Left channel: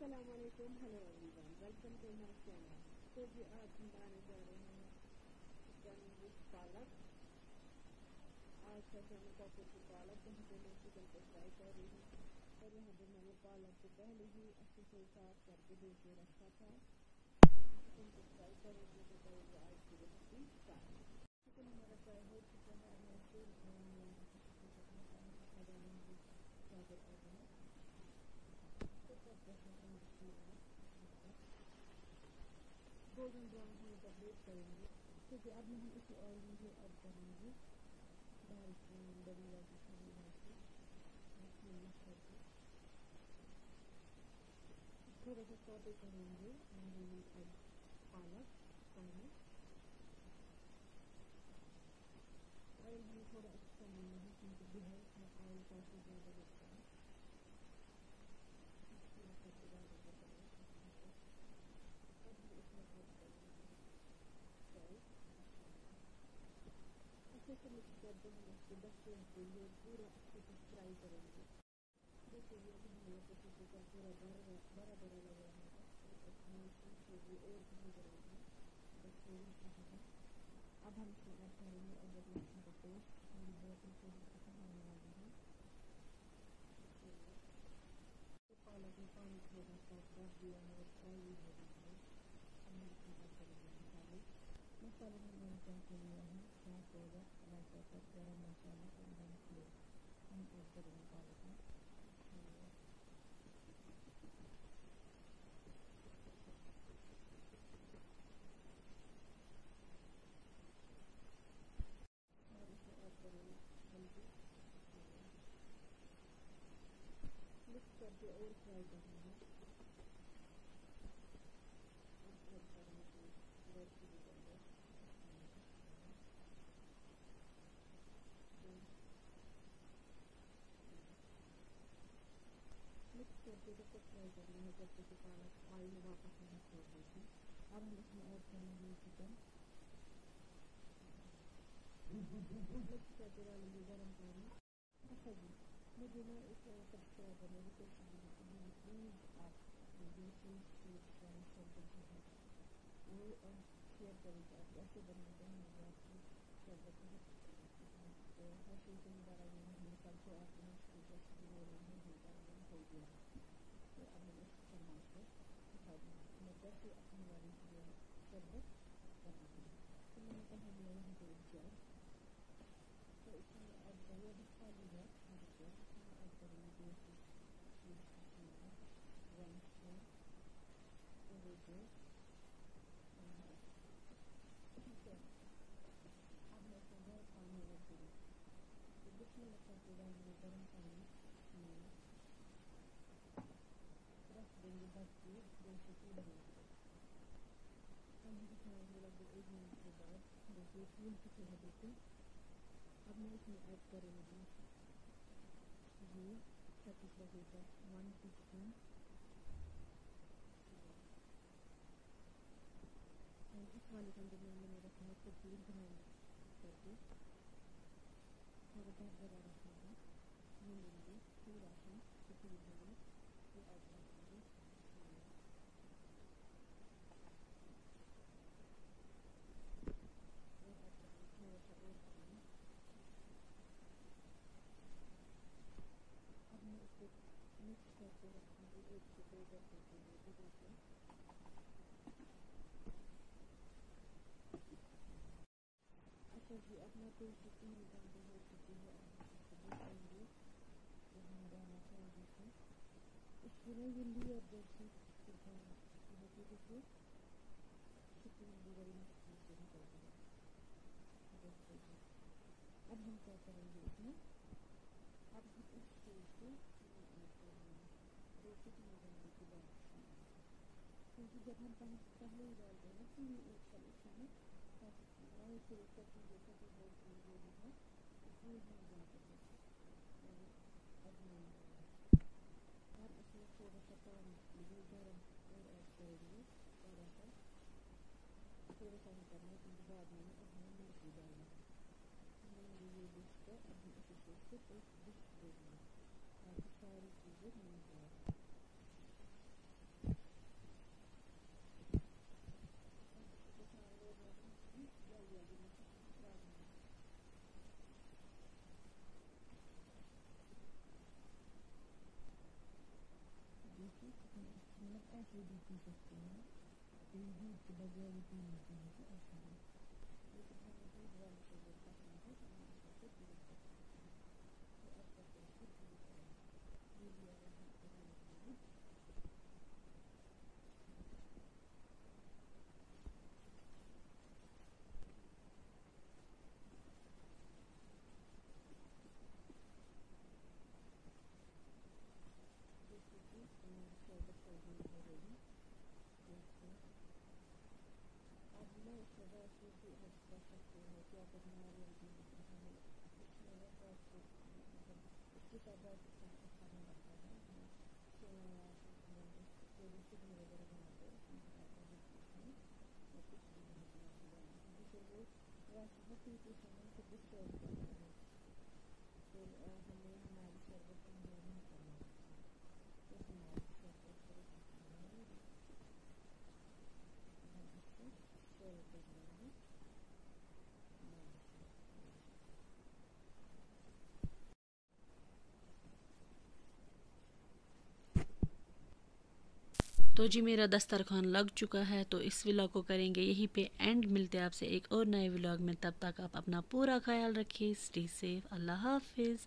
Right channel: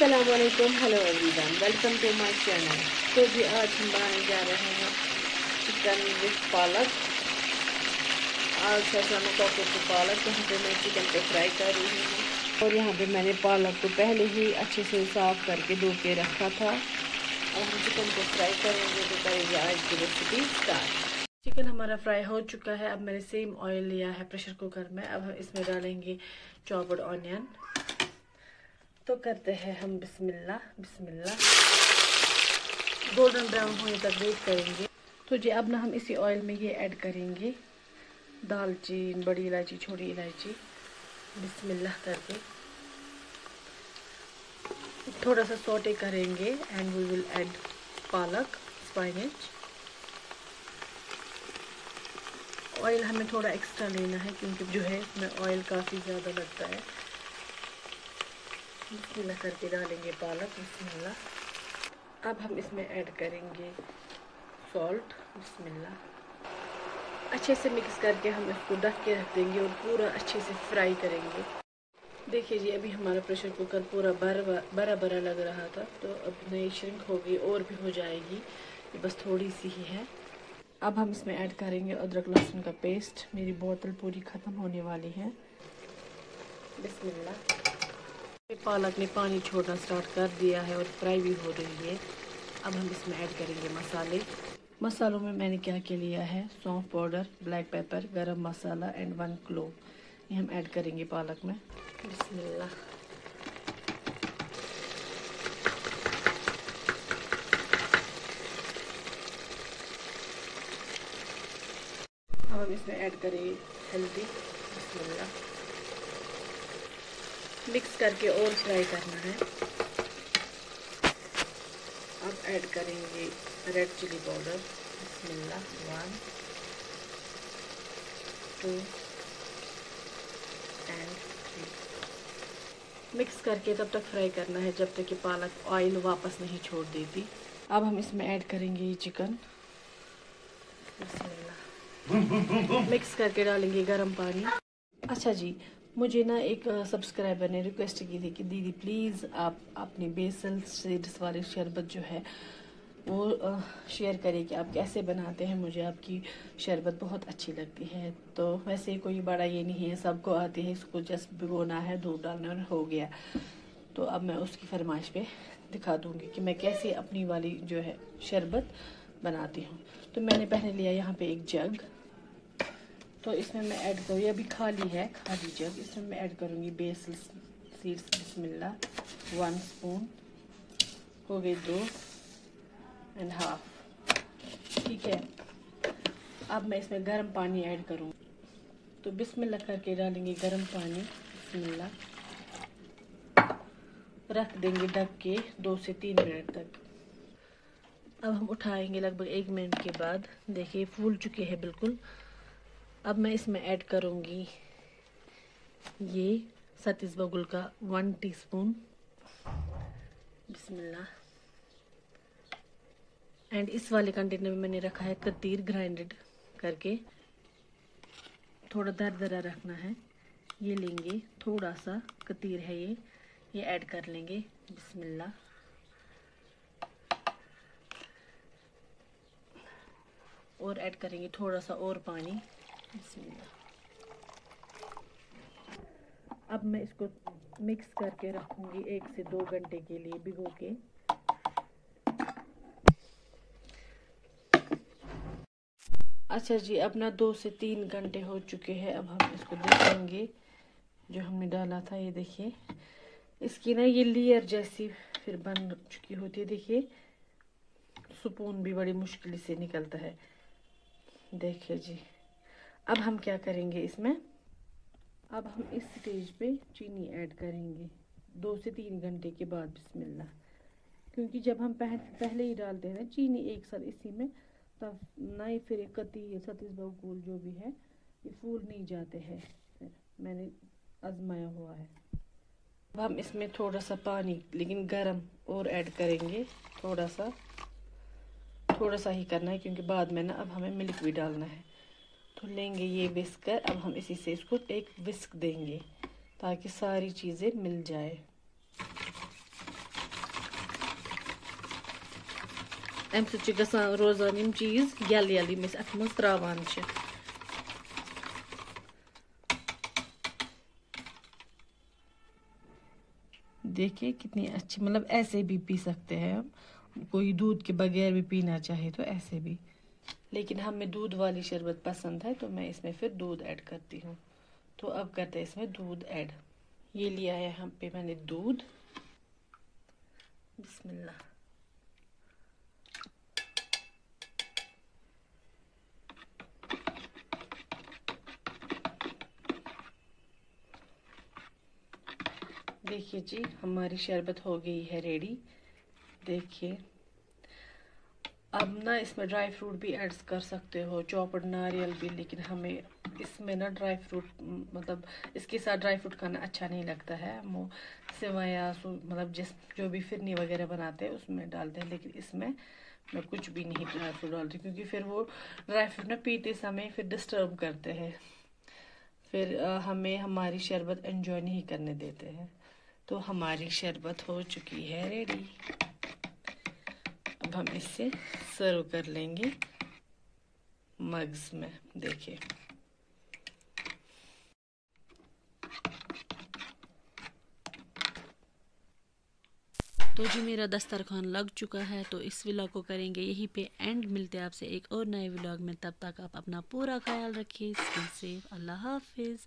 अस्सलामुअलैकुम, hello everyone, welcome to my channel. तो जी आज हम बनाने जा रहे हैं चिकन विद पालक। आज है शाम को पालक। यहाँ पे मैं चिकन को फ्राई कर रही हूँ और यहाँ पे मैंने पालक को पहले ही अच्छे से साफ़ करके धो के रखा था। अब हम चिकन को फ्राई करेंगे, तो करेंगे आज की रेसिपी स्टार्ट। चिकन हमारा फ्राई हो चुका है। अब मैंने सेम ऑयल लिया है प्रेशर कुकर में। अब हम इसमें डालेंगे चॉप्ड ऑनियन। तो करते हैं हम बिस्मिल्लाह बिस्मिल्लाह। गोल्डन ब्राउन होने तक वेट करेंगे। तो जी अब ना हम इसी ऑयल में ये ऐड करेंगे दालचीनी, बड़ी इलायची, छोटी इलायची, बिस्मिल्लाह करके थोड़ा सा सौटे करेंगे एंड वी विल ऐड पालक, स्पाइनेच। ऑयल हमें थोड़ा एक्स्ट्रा लेना है क्योंकि जो है इसमें ऑयल काफ़ी ज़्यादा लगता है। बिस्मिल्लाह करके डालेंगे पालक, बिस्मिल्लाह। अब हम इसमें ऐड करेंगे सॉल्ट, बिस्मिल्लाह। अच्छे से मिक्स करके हम इसको ढक के रख देंगे और पूरा अच्छे से फ्राई करेंगे। देखिए जी अभी हमारा प्रेशर कुकर पूरा बड़ा बड़ा लग रहा था, तो अब नई श्रिंक हो गई और भी हो जाएगी, ये बस थोड़ी सी ही है। अब हम इसमें ऐड करेंगे अदरक लहसुन का पेस्ट। मेरी बोतल पूरी ख़त्म होने वाली है। बिस्मिल्लाह। पालक ने पानी छोड़ना स्टार्ट कर दिया है और फ्राई भी हो रही है। अब हम इसमें ऐड करेंगे मसाले। मसालों में मैंने क्या क्या लिया है, सौंफ पाउडर, ब्लैक पेपर, गरम मसाला एंड 1 क्लोव। ये हम ऐड करेंगे पालक में। बिस्मिल्लाह। अब हम इसमें ऐड करेंगे हल्दी, बिस्मिल्लाह। मिक्स करके और फ्राई करना है। अब ऐड करेंगे रेड चिली पाउडर, बिस्मिल्लाह। 1 2 एंड 3। मिक्स करके तब तक फ्राई करना है जब तक कि पालक ऑयल वापस नहीं छोड़ देती। अब हम इसमें ऐड करेंगे ये चिकन, बिस्मिल्लाह। मिक्स करके डालेंगे गरम पानी। अच्छा जी, मुझे ना एक सब्सक्राइबर ने रिक्वेस्ट की थी कि दीदी प्लीज़ आप अपने बेसल सीड्स वाले शरबत जो है वो शेयर करें कि आप कैसे बनाते हैं। मुझे आपकी शरबत बहुत अच्छी लगती है। तो वैसे कोई बड़ा ये नहीं है, सबको आती है, इसको जस्ट भिगोना है, दूध डालना और हो गया। तो अब मैं उसकी फरमाइश पे दिखा दूँगी कि मैं कैसे अपनी वाली जो है शरबत बनाती हूँ। तो मैंने पहले लिया यहाँ पे एक जग। तो इसमें मैं ऐड करूँ, अभी खाली है, खाली जग। इसमें मैं ऐड करूँगी बेसल सीड्स, बिस्मिल्लाह। 1 स्पून हो गई, 2.5। ठीक है। अब मैं इसमें गर्म पानी ऐड करूँगी। तो बिस्मिल्लाह करके डालेंगे गर्म पानी, बिस्मिल्लाह। रख देंगे ढक के 2 से 3 मिनट तक। अब हम उठाएंगे लगभग 1 मिनट के बाद। देखिए फूल चुके हैं बिल्कुल। अब मैं इसमें ऐड करूँगी ये सतीश बबुल का 1 टीस्पून, बिस्मिल्लाह। एंड इस वाले कंटेनर में मैंने रखा है कतीर ग्राइंडेड करके, थोड़ा दरदरा रखना है। ये लेंगे, थोड़ा सा कतीर है ये ऐड कर लेंगे, बिस्मिल्लाह। और ऐड करेंगे थोड़ा सा और पानी, बिस्मिल्लाह। अब मैं इसको मिक्स करके रखूँगी 1 से 2 घंटे के लिए भिगो के। अच्छा जी, अब ना 2 से 3 घंटे हो चुके हैं। अब हम इसको देखेंगे जो हमने डाला था। ये देखिए इसकी ना ये लेयर जैसी फिर बन चुकी होती है। देखिए स्पून भी बड़ी मुश्किल से निकलता है। देखिए जी अब हम क्या करेंगे इसमें, अब हम इस स्टेज पे चीनी ऐड करेंगे 2 से 3 घंटे के बाद, बिस्मिल्लाह। क्योंकि जब हम पहले ही डालते हैं ना चीनी एक साथ इसी में, तब नहीं फिर कती सतीश बबूल जो भी है ये फूल नहीं जाते हैं। मैंने आजमाया हुआ है। अब हम इसमें थोड़ा सा पानी लेकिन गर्म और ऐड करेंगे। थोड़ा सा ही करना है क्योंकि बाद में ना अब हमें मिल्क भी डालना है। तो लेंगे ये विस्कर। अब हम इसी से इसको एक विस्क देंगे ताकि सारी चीज़ें मिल जाए। अम सत गसान रोजान यम चीज यल यल यम अथ मज त्रावान छ। देखिए कितनी अच्छी, मतलब ऐसे भी पी सकते हैं हम, कोई दूध के बगैर भी पीना चाहे तो ऐसे भी, लेकिन हमें दूध वाली शरबत पसंद है तो मैं इसमें फिर दूध ऐड करती हूँ। तो अब करते हैं इसमें दूध ऐड। ये लिया है हम पे मैंने दूध, बिस्मिल्लाह। देखिए जी हमारी शरबत हो गई है रेडी। देखिए अब ना इसमें ड्राई फ्रूट भी ऐड कर सकते हो, चॉप्ड नारियल भी, लेकिन हमें इसमें ना ड्राई फ्रूट मतलब इसके साथ ड्राई फ्रूट खाना अच्छा नहीं लगता है। वो सेवैया मतलब जो भी फिरनी वगैरह बनाते हैं उसमें डालते हैं, लेकिन इसमें मैं कुछ भी नहीं ड्राई फ्रूट डालती, क्योंकि फिर वो ड्राई फ्रूट ना पीते समय फिर डिस्टर्ब करते हैं, फिर हमें हमारी शरबत एंजॉय नहीं करने देते हैं। तो हमारी शरबत हो चुकी है रेडी। अब हम इससे सर्व कर लेंगे मग्स में। देखिए तो जी मेरा दस्तरखान लग चुका है, तो इस व्लॉग को करेंगे यहीं पे एंड। मिलते हैं आपसे एक और नए व्लॉग में, तब तक आप अपना पूरा ख्याल रखिए। Stay safe. अल्लाह हाफिज़।